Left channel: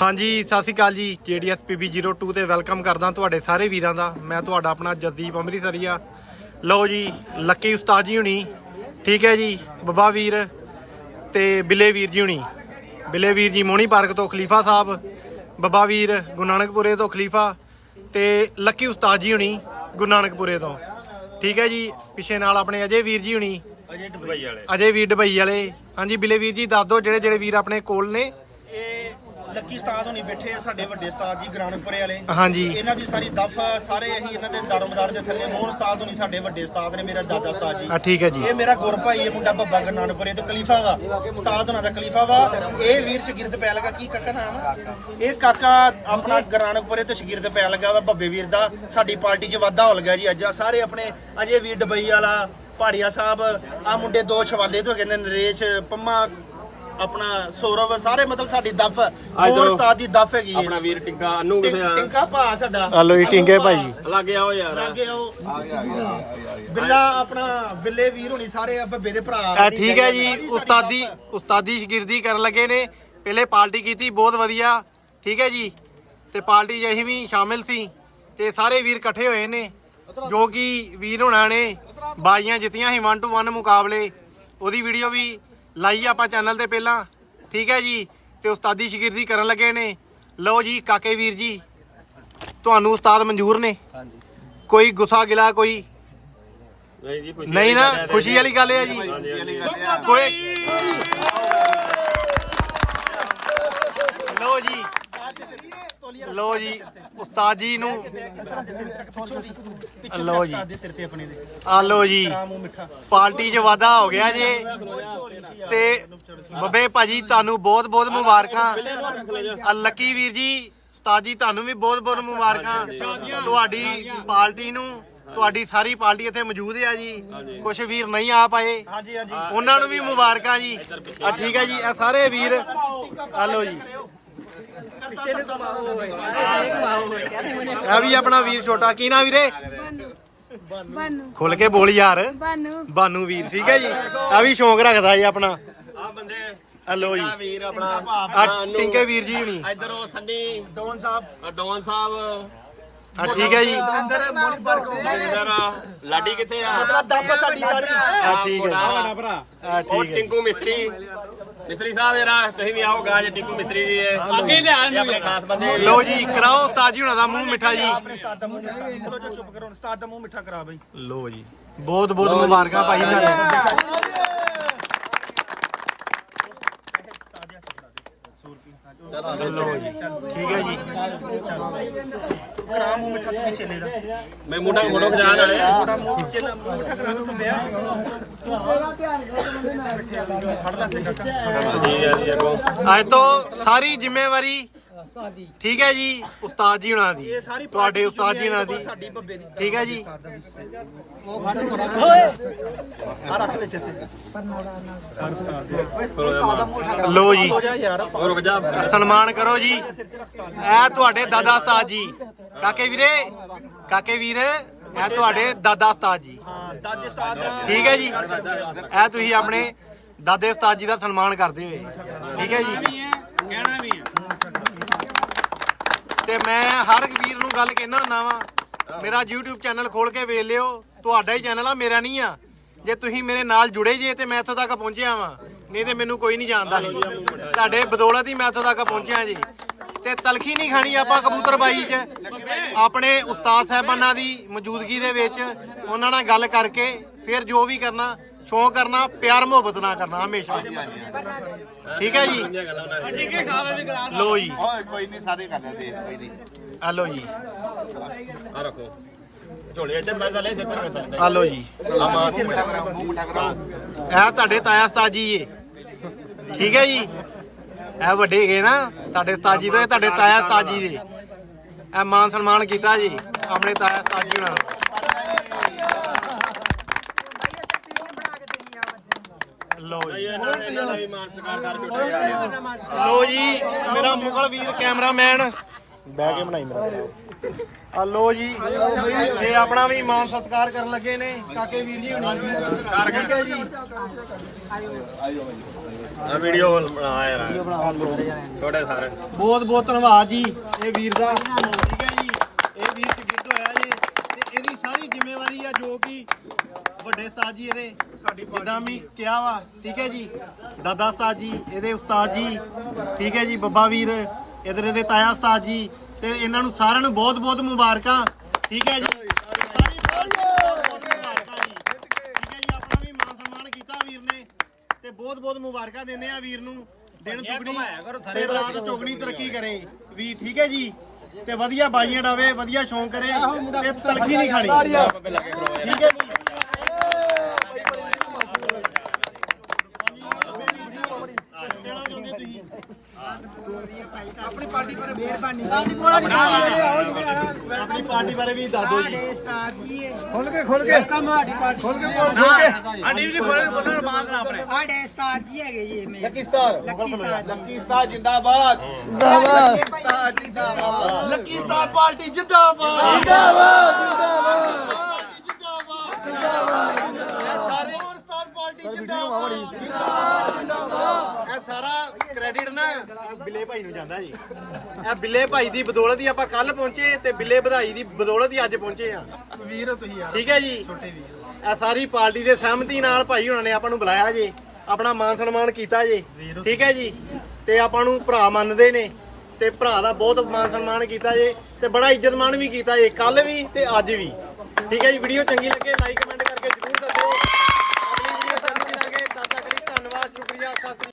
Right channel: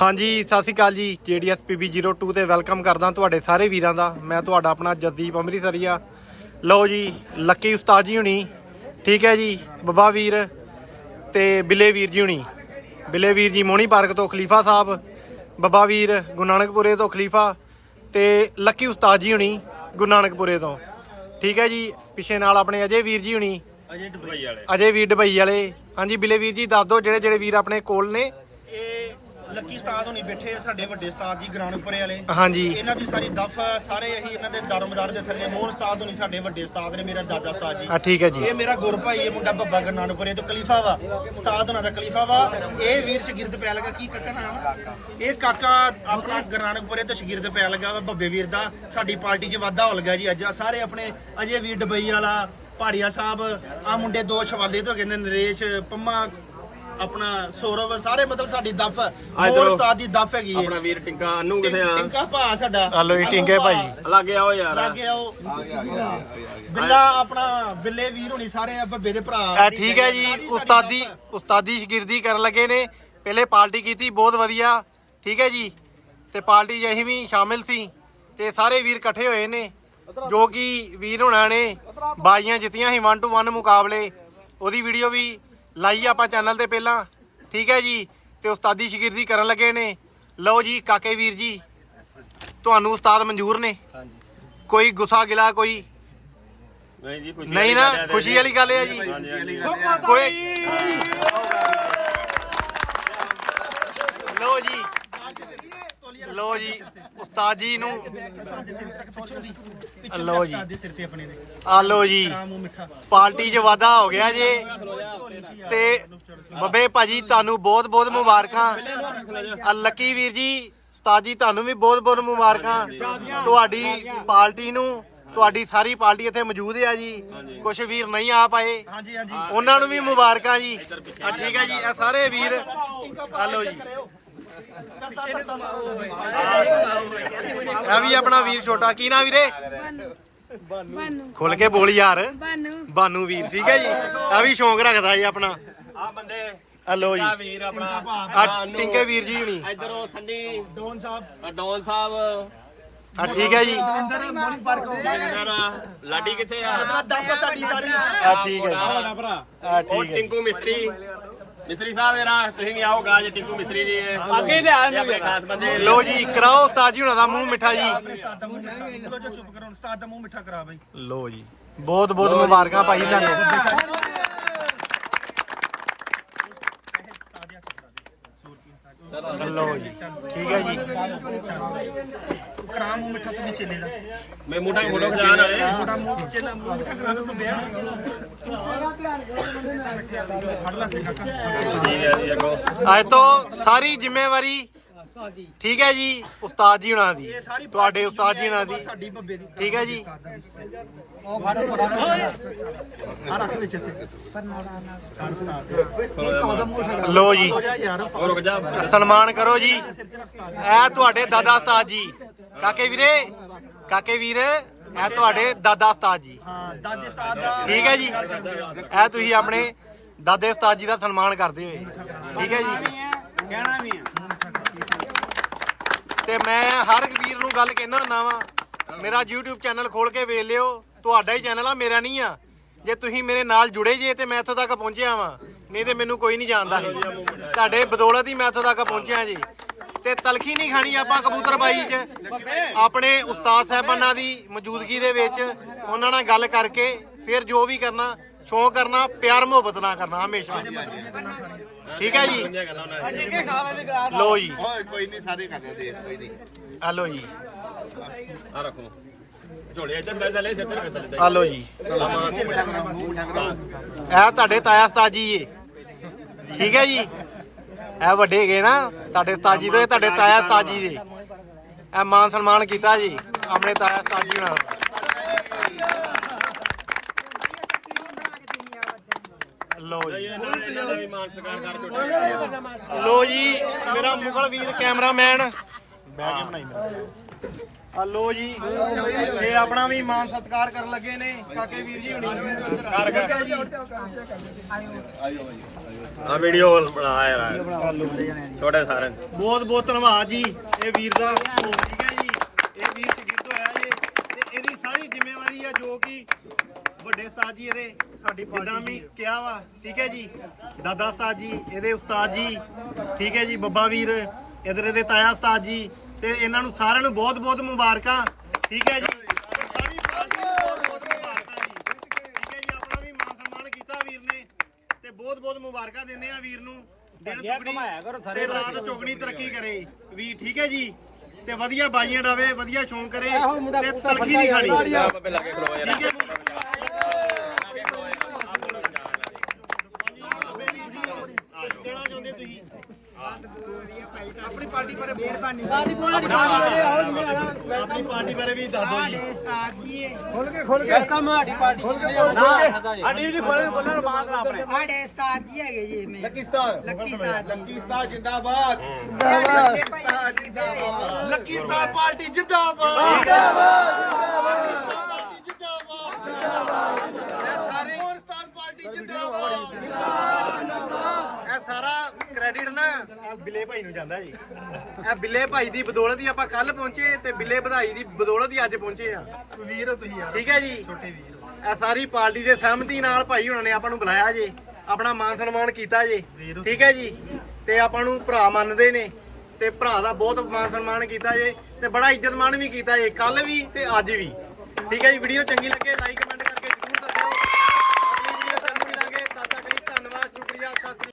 ਹਾਂਜੀ ਸਤਿ ਸ਼੍ਰੀ ਅਕਾਲ ਜੀ। JDS PB02 ਤੇ ਵੈਲਕਮ ਕਰਦਾ ਤੁਹਾਡੇ ਸਾਰੇ ਵੀਰਾਂ ਦਾ। ਮੈਂ ਤੁਹਾਡਾ ਆਪਣਾ ਜਸਦੀਪ ਅੰਮ੍ਰਿਤਸਰੀਆ। ਲਓ ਜੀ ਲੱਕੀ ਉਸਤਾਦ ਜੀ ਹੁਣੀ। ਠੀਕ ਹੈ ਜੀ ਬੱਬਾ ਵੀਰ ਤੇ ਬਿੱਲੇ ਵੀਰ ਜੀ ਹੁਣੀ। ਬਿੱਲੇ ਵੀਰ ਜੀ ਮੋਹਣੀ ਪਾਰਕ ਤੋਂ ਖਲੀਫਾ ਸਾਹਿਬ ਬੱਬਾ ਵੀਰ ਗੁਰੂ ਨਾਨਕਪੁਰੇ ਤੋਂ ਖਲੀਫਾ ਤੇ ਲੱਕੀ ਉਸਤਾਦ ਜੀ ਹੁਣੀ ਗੁਰੂ ਨਾਨਕਪੁਰੇ ਤੋਂ। ਠੀਕ ਹੈ ਜੀ ਪਿੱਛੇ ਨਾਲ ਆਪਣੇ ਅਜੇ ਵੀਰ ਜੀ ਹੁਣੀ। ਅਜੇ ਦੁਬਈ ਵਾਲੇ। ਅਜੇ ਵੀਰ ਦੁਬਈ ਵਾਲੇ। ਹਾਂਜੀ ਬਿੱਲੇ ਵੀਰ ਜੀ ਦੱਸ ਦਿਓ ਜਿਹੜੇ ਜਿਹੜੇ ਵੀਰ ਆਪਣੇ ਕੋਲ ਨੇ। ਲੱਕੀ ਉਸਤਾਦ ਹੋਣੀ ਬੈਠੇ ਆ ਸਾਡੇ ਵੱਡੇ ਉਸਤਾਦ ਜੀ ਗਰਾਨਪੁਰੇ ਵਾਲੇ। ਹਾਂਜੀ। ਇਹਨਾਂ ਦੀ ਸਾਰੀ ਦਫ ਸਾਰੇ ਹੀ ਇਹਨਾਂ ਦੇ ਦਰਮਦਾਰ ਦੇ ਥੱਲੇ ਮੋਹਨ ਉਸਤਾਦ ਹੋਣੀ ਸਾਡੇ ਵੱਡੇ ਉਸਤਾਦ ਨੇ ਮੇਰਾ ਦਾਦਾ ਉਸਤਾਦ ਜੀ। ਆ ਠੀਕ ਹੈ ਜੀ। ਇਹ ਮੇਰਾ ਗੁਰ ਭਾਈ ਇਹ ਮੁੰਡਾ ਬੱਬਾ ਗਰਨਾਨਪੁਰੇ ਤੋਂ ਖਲੀਫਾ ਵਾ। ਉਸਤਾਦ ਹੋਣਾ ਦਾ ਖਲੀਫਾ ਵਾ। ਇਹ ਵੀਰ ਸ਼ਗਿਰਦ ਪੈ ਲਗਾ ਕੀ ਕਾਕਾ ਨਾਮ ਇਹ ਕਾਕਾ ਆਪਣਾ ਗਰਾਨਪੁਰੇ ਤੋਂ ਸ਼ਗਿਰਦ ਪੈ ਲਗਾ ਵਾ ਬੱਬੇ ਵੀਰ ਦਾ। ਸਾਡੀ ਪਾਰਟੀ 'ਚ ਵਾਧਾ ਹੋ ਗਿਆ ਜੀ ਅੱਜ। ਆਹ ਸਾਰੇ ਆਪਣੇ ਅਜੇ ਵੀਰ ਡਬਈ ਵਾਲਾ ਪਹਾੜੀਆ ਸਾਹਿਬ ਆ ਮੁੰਡੇ ਦੋ ਸ਼ਵਾਲੇ ਤੋਂ ਹੈਗੇ ਨੇ ਨਰੇਸ਼ ਪੰਮਾ ਆਪਣਾ ਸੌਰਵ ਸਾਰੇ ਮਤਲਬ ਸਾਡੀ ਦਫ। ਮੋਹਨ ਉਸਤਾਦ ਦੀ ਦਫ ਹੈਗੀ ਹੈ ਆਪਣਾ ਵੀਰ ਟਿੰਕਾ ਅਨੂ ਕਿਥੇ ਆ? ਟਿੰਕਾ ਭਾ ਸਾਡਾ। ਹਲੋ ਜੀ ਟਿੰਗੇ ਭਾਈ। ਲੱਗੇ ਆਓ ਯਾਰ। ਲਾਗੇ ਆਓ। ਬਿੱਲਾ ਆਪਣਾ ਬਿੱਲੇ ਵੀਰ ਹੋਣੀ ਸਾਰੇ ਆ ਬੱਬੇ ਦੇ ਭਰਾ। ਆ ਠੀਕ ਹੈ ਜੀ। ਸਾਰੀ ਉਸਤਾਦੀ ਦਫ਼। ਉਸਤਾਦੀ ਸ਼ਗਿਰਦੀ ਕਰਨ ਲੱਗੇ ਨੇ। ਪਹਿਲੇ ਪਾਰਟੀ ਕੀਤੀ ਬਹੁਤ ਵਧੀਆ। ਠੀਕ ਹੈ ਜੀ। ਤੇ ਪਾਰਟੀ 'ਚ ਅਸੀਂ ਵੀ ਸ਼ਾਮਿਲ ਸੀ। ਤੇ ਸਾਰੇ ਵੀਰ ਇਕੱਠੇ ਹੋਏ ਨੇ। ਜੋ ਕਿ ਵੀਰ ਹੋਣਾ ਨੇ। ਬਾਜ਼ੀਆਂ ਜਿੱਤੀਆਂ ਸੀ 1 ਟੂ 1 ਮੁਕਾਬਲੇ। ਉਹਦੀ ਵੀਡੀਓ ਵੀ ਲਾਈ ਆਪਾਂ ਚੈਨਲ ਤੇ ਪਹਿਲਾਂ। ਠੀਕ ਹੈ ਜੀ? ਤੇ ਉਸਤਾਦੀ ਸ਼ਗਿਰਦੀ ਕਰਨ ਲੱਗੇ ਨੇ। ਲਓ ਜੀ ਕਾਕੇ ਵੀਰ ਜੀ। ਤੁਹਾਨੂੰ ਉਸਤਾਦ ਮਨਜ਼ੂਰ ਨੇ। ਕੋਈ ਗੁੱਸਾ ਗਿਲਾ ਕੋਈ ਨਹੀਂ ਜੀ ਖੁਸ਼ੀ ਨਹੀਂ ਨਾ ਖੁਸ਼ੀ ਵਾਲੀ ਗੱਲ ਹੈ ਜੀ। ਕੋਈ ਲੋ ਜੀ। ਲੋ ਜੀ। ਉਸਤਾਦ ਜੀ ਨੂੰ ਲਓ ਜੀ। ਉਸਤਾਦ ਦੇ ਸਿਰ ਤੇ ਆਪਣੇ ਆ ਲੋ ਜੀ। ਪਾਰਟੀ 'ਚ ਵਾਧਾ ਹੋ ਗਿਆ ਜੇ। ਤੇ ਬੱਬੇ ਭਾਜੀ ਤੁਹਾਨੂੰ ਬਹੁਤ ਬਹੁਤ ਮੁਬਾਰਕਾਂ। ਆ ਲੱਕੀ ਵੀਰ ਜੀ ਉਸਤਾਦ ਜੀ ਤੁਹਾਨੂੰ ਵੀ ਬਹੁਤ ਬਹੁਤ ਮੁਬਾਰਕਾਂ। ਤੁਹਾਡੀ ਪਾਰਟੀ ਨੂੰ ਤੁਹਾਡੀ ਸਾਰੀ ਪਾਰਟੀ ਇੱਥੇ ਮੌਜੂਦ ਹੈ ਜੀ। ਕੁਝ ਵੀਰ ਨਹੀਂ ਆ ਪਾਏ। ਹਾਂਜੀ ਹਾਂਜੀ। ਉਹਨਾਂ ਨੂੰ ਵੀ ਮੁਬਾਰਕਾਂ ਜੀ। ਆ ਠੀਕ ਹੈ ਜੀ ਇਹ ਸਾਰੇ ਵੀਰ। ਆ ਲੋ ਜੀ। ਇਹ ਵੀ ਆਪਣਾ ਵੀਰ ਛੋਟਾ ਕੀ ਨਾ ਵੀਰੇ? ਬਾਨੂ। ਬਾਨੂ ਖੁੱਲ ਕੇ ਬੋਲ ਯਾਰ। ਬਾਨੂ। ਬਾਨੂ ਵੀਰ ਠੀਕ ਹੈ ਜੀ? ਇਹ ਵੀ ਸ਼ੌਂਕ ਰੱਖਦਾ ਜੀ ਆਪਣਾ। ਆ ਬੰਦੇ। ਆ ਲੋ ਜੀ। ਆ ਵੀਰ ਆਪਣਾ। ਆ ਟਿੰਕੇ ਵੀਰ ਜੀ ਹੁਣੀ। ਇੱਧਰ ਉਹ ਸੰਨੀ। ਡੋਨ ਸਾਹਿਬ। ਡੌਨ ਸਾਹਿਬ। ਆ ਠੀਕ ਹੈ ਜੀ। ਦਵਿੰਦਰ ਮੋਲੀ ਪਾਰਕ ਜਿੰਦਰ ਲਾਡੀ ਕਿੱਥੇ ਆ? ਮਤਲਬ ਦਫ ਸਾਡੀ ਸਾਰੀ। ਆ ਠੀਕ ਹੈ ਜੀ। ਵੱਡਾ ਭਰਾ। ਆ ਠੀਕ ਹੈ। ਟਿੰਕੂ ਮਿਸਤਰੀ। ਮਿਸਤਰੀ ਸਾਹਿਬ ਜਰਾ ਤੁਸੀਂ ਵੀ ਆਓਗਾ ਜੇ ਟਿੰਕੂ ਮਿਸਤਰੀ ਜੀ ਅੱਗੇ ਇਹ ਆਪਣੇ ਖਾਸ ਬੰਦੇ ਲੋ ਜੀ। ਕਰਾਓ ਉਸਤਾਦ ਜੀ ਹੁਣਾਂ ਦਾ ਮੂੰਹ ਮਿੱਠਾ ਜੀ। ਆਪਣੇ ਉਸਤਾਦ ਦਾ ਮੂੰਹ ਮਿੱਠਾ ਥੋੜਾ ਜਿਹਾ ਚੁੱਪ ਕਰੋ ਉਸਤਾਦ ਦਾ ਮੂੰਹ ਮਿੱਠਾ ਕਰਾ ਬਈ। ਲੋ ਜੀ ਬਹੁਤ ਬਹੁਤ ਮੁਬਾਰਕਾਂ ਭਾਈ ਤੁਹਾਨੂੰ। ਲੋ ਜੀ। ਠੀਕ ਹੈ ਜੀ। ਕਰਾ ਮੂੰਹ ਮਿੱਠਾ ਤੂੰ ਵੀ ਚੇਲੇ ਦਾ ਮੈਂ ਮੁੰਡਾ ਫੋਟੋ ਖਿਚਾਣ ਵਾਲੇ ਥੋੜਾ ਮੂੰਹ ਚੇਲਾ ਮੂੰਹ ਮਿੱਠਾ ਕਰਾ ਤੂੰ ਵਿਆਹ ਖੜ ਲਾ ਤੇ ਕਾਕਾ ਜੀ ਆ ਜੀ ਅੱਗੋਂ ਅੱਜ ਤੋਂ ਸਾਰੀ ਜ਼ਿੰਮੇਵਾਰੀ ਠੀਕ ਹੈ ਜੀ ਉਸਤਾਦ ਜੀ ਹੁਣਾਂ ਦੀ ਤੁਹਾਡੇ ਉਸਤਾਦ ਜੀ ਹੁਣਾਂ ਦੀ। ਸਾਡੀ ਬੱਬੇ ਦੀ ਠੀਕ ਹੈ ਜੀ। ਲੋ ਜੀ। ਜਾ ਯਾਰ ਉਹ ਰੁਕ ਜਾ। ਸਨਮਾਨ ਕਰੋ ਜੀ। ਇਹ ਤੁਹਾਡੇ ਦਾਦਾ ਉਸਤਾਦ ਜੀ। ਕਾਕੇ ਵੀਰੇ ਕਾਕੇ ਵੀਰ ਇਹ ਤੁਹਾਡੇ ਦਾਦਾ ਉਸਤਾਦ ਜੀ। ਹਾਂ ਦਾਦੇ ਉਸਤਾਦ ਦਾ ਠੀਕ ਹੈ ਜੀ। ਇਹ ਤੁਸੀਂ ਆਪਣੇ ਦਾਦੇ ਉਸਤਾਦ ਜੀ ਦਾ ਸਨਮਾਨ ਕਰਦੇ ਹੋਏ। ਠੀਕ ਹੈ ਜੀ। ਤੇ ਮੈਂ ਹਰ ਵੀਰ ਨੂੰ ਗੱਲ ਕਹਿਣਾ ਹੁੰਦਾ ਵਾਂ, ਮੇਰਾ YouTube ਚੈਨਲ ਖੋਲ ਕੇ ਵੇਖ ਲਿਓ, ਤੁਹਾਡਾ ਹੀ ਚੈਨਲ ਆ, ਮੇਰਾ ਨਹੀਂ ਆ। ਜੇ ਤੁਸੀਂ ਮੇਰੇ ਨਾਲ ਜੁੜੇ ਜੇ ਤੇ ਮੈਂ ਇੱਥੋਂ ਤੱਕ ਪਹੁੰਚਿਆ ਵਾਂ, ਨਹੀਂ ਤੇ ਮੈਨੂੰ ਕੋਈ ਨਹੀਂ ਜਾਣਦਾ ਸੀ। ਤੁਹਾਡੇ ਬਦੌਲਤ ਹੀ ਮੈਂ ਇੱਥੋਂ ਤੱਕ ਪਹੁੰਚਿਆ ਜੀ। ਤੇ ਤਲਖੀ ਨਹੀਂ ਖਾਣੀ ਆਪਾਂ ਕਬੂਤਰਬਾਈ 'ਚ। ਆਪਣੇ ਉਸਤਾਦ ਸਾਹਿਬਾਨਾਂ ਦੀ ਮੌਜੂਦਗੀ ਦੇ ਵਿੱਚ ਉਹਨਾਂ ਨਾਲ ਗੱਲ ਕਰਕੇ ਫਿਰ ਜੋ ਵੀ ਕਰਨਾ ਸ਼ੌਂਕ ਕਰਨਾ ਪਿਆਰ ਮੁਹੱਬਤ ਨਾਲ ਕਰਨਾ ਹਮੇਸ਼ਾ। ਠੀਕ ਹੈ ਜੀ? ਲੋ ਜੀ। ਕੋਈ ਨਹੀਂ ਸਾਰੇ ਕਰ ਆ, ਕੋਈ ਨਹੀਂ ਆ ਲੋ ਜੀ। ਆ ਰੱਖੋ। ਝੋਲੇ ਇੱਧਰ ਬੰਦ ਲੈ ਇੱਧਰ ਬੰਦ ਲੈ। ਆ ਲੋ ਜੀ। ਇਹ ਤੁਹਾਡੇ ਤਾਇਆ ਉਸਤਾਦ ਜੀ ਏ। ਠੀਕ ਹੈ ਜੀ? ਇਹ ਵੱਡੇ ਹੈਗੇ ਨਾ ਤੁਹਾਡੇ ਉਸਤਾਦ ਜੀ ਤੋਂ ਇਹ ਤੁਹਾਡੇ ਤਾਇਆ ਉਸਤਾਦ ਜੀ ਦੇ। ਇਹ ਮਾਨ ਸਨਮਾਨ ਕੀਤਾ ਜੀ ਆਪਣੇ ਤਾਇਆ ਉਸਤਾਦ ਜੀ ਨਾਲ ਲੋ ਜੀ। ਮੇਰਾ ਮੁਗਲ ਵੀਰ ਕੈਮਰਾਮੈਨ। ਬਾਅਦ ਬਣਾਈ ਮੇਰਾ ਆ ਲੋ ਜੀ ਇਹ ਆਪਣਾ ਵੀ ਮਾਨ ਸਤਿਕਾਰ ਕਰਨ ਲੱਗੇ ਨੇ ਕਾਕੇ ਵੀਰ ਜੀ ਹੁਣੀ। ਕਰ। ਆ ਵੀਡੀਓ ਬਣਾ ਯਾਰ ਛੋਟੇ ਸਾਰੇ। ਬਹੁਤ ਬਹੁਤ ਧੰਨਵਾਦ ਜੀ ਇਹ ਵੀਰ ਦਾ। ਠੀਕ ਹੈ ਜੀ ਇਹ ਵੀਰ ਸ਼ਗਿਰਦ ਹੋਇਆ ਜੀ। ਇਹਦੀ ਸਾਰੀ ਜ਼ਿੰਮੇਵਾਰੀ ਆ ਜੋ ਕਿ ਵੱਡੇ ਉਸਤਾਦ ਜੀ ਇਹਦੇ ਸਾਡੀ ਜਿੱਦਾਂ ਵੀ ਕਿਹਾ ਵਾ ਠੀਕ ਹੈ ਜੀ? ਦਾਦਾ ਉਸਤਾਦ ਜੀ ਇਹਦੇ ਉਸਤਾਦ ਜੀ ਠੀਕ ਹੈ ਜੀ? ਬੱਬਾ ਵੀਰ ਇਧਰ ਇਹਦੇ ਤਾਇਆ ਉਸਤਾਦ ਜੀ ਤੇ ਇਹਨਾਂ ਨੂੰ ਸਾਰਿਆਂ ਨੂੰ ਬਹੁਤ ਬਹੁਤ ਮੁਬਾਰਕਾਂ ਠੀਕ ਹੈ ਜੀ? ਸਾਰੀ ਪਾਰਟੀ ਨੂੰ ਬਹੁਤ ਬਹੁਤ ਮੁਬਾਰਕਾਂ ਜੀ। ਠੀਕ ਹੈ ਜੀ? ਆਪਣਾ ਵੀ ਮਾਨ ਸਨਮਾਨ ਕੀਤਾ ਵੀਰ ਨੇ ਤੇ ਬਹੁਤ ਬਹੁਤ ਮੁਬਾਰਕਾਂ ਦਿੰਦੇ ਆ ਵੀਰ ਨੂੰ। ਦਿਨ ਦੁਗਣੀ ਤੇ ਰਾਤ ਚੌਗਣੀ ਤਰੱਕੀ ਕਰੇ ਵੀ ਠੀਕ ਹੈ ਜੀ? ਤੇ ਵਧੀਆ ਬਾਜੀਆਂ ਡਾਵੇ ਵਧੀਆ ਸ਼ੌਂਕ ਕਰੇ ਤੇ ਤਲਖੀ ਨਹੀਂ ਖਾਣੀ। ਠੀਕ ਹੈ ਜੀ ਕੁਛ ਕਹਿਣਾ ਚਾਹੁੰਦੇ ਤੁਸੀਂ ਆਪਣੀ ਪਾਰਟੀ ਬਾਰੇ ਵੀ ਦੱਸ ਦਿਓ ਜੀ। ਖੋਲ ਕੇ ਖੋਲ ਕੇ। ਖੋਲ ਕੇ ਬੋਲ ਖੋਲ ਕੇ। ਸਾਡੇ ਉਸਤਾਦ ਜੀ ਹੈਗੇ ਜੀ ਮੇਰੇ। Lucky star. Lucky star lucky star ਜਿੰਦਾਬਾਦ। ਜਿੰਦਾਬਾਦ। ਲੱਕੀ ਸਟਾਰ ਪਾਰਟੀ ਜਿੰਦਾਬਾਦ। ਜਿੰਦਾਬਾਦ ਸਾਰੇ ਹੋਰ ਸਟਾਰ ਪਾਰਟੀ ਜਿੰਦਾਬਾਦ ਇਹ ਸਾਰਾ ਕ੍ਰੈਡਿਟ ਨਾ ਆਹ ਬਿੱਲੇ ਭਾਈ ਨੂੰ ਜਾਂਦਾ ਜੀ। ਇਹ ਬਿੱਲੇ ਭਾਈ ਦੀ ਬਦੌਲਤ ਹੀ ਆਪਾਂ ਕੱਲ ਪਹੁੰਚੇ ਤੇ ਬਿੱਲੇ ਵਧਾਈ ਦੀ ਬਦੌਲਤ ਹੀ ਅੱਜ ਪਹੁੰਚੇ ਆ ਵੀਰ ਹੋ ਤੁਸੀਂ ਯਾਰ। ਠੀਕ ਹੈ ਜੀ। ਛੋਟੇ ਵੀਰ। ਇਹ ਸਾਰੀ ਪਾਰਟੀ ਦੇ ਸਹਿਮਤੀ ਨਾਲ ਭਾਈ ਹੁਣਾਂ ਨੇ ਆਪਾਂ ਨੂੰ ਬੁਲਾਇਆ ਜੇ। ਆਪਣਾ ਮਾਨ ਸਨਮਾਨ ਕੀਤਾ ਜੇ। ਠੀਕ ਹੈ ਜੀ। ਤੇ ਆਪਾਂ ਨੂੰ ਭਰਾ ਮੰਨਦੇ ਨੇ ਤੇ ਭਰਾ ਦਾ ਬਹੁਤ ਮਾਨ ਸਨਮਾਨ ਕੀਤਾ ਜੇ ਤੇ ਬੜਾ ਇੱਜ਼ਤ ਮਾਣ ਵੀ ਕੀਤਾ ਜੇ। ਕੱਲ ਵੀ ਤੇ ਅੱਜ ਵੀ। ਠੀਕ ਹੈ ਜੀ। ਵੀਡੀਓ ਚੰਗੀ ਲੱਗੇ ਲਾਈਕ ਕਮੈਂਟ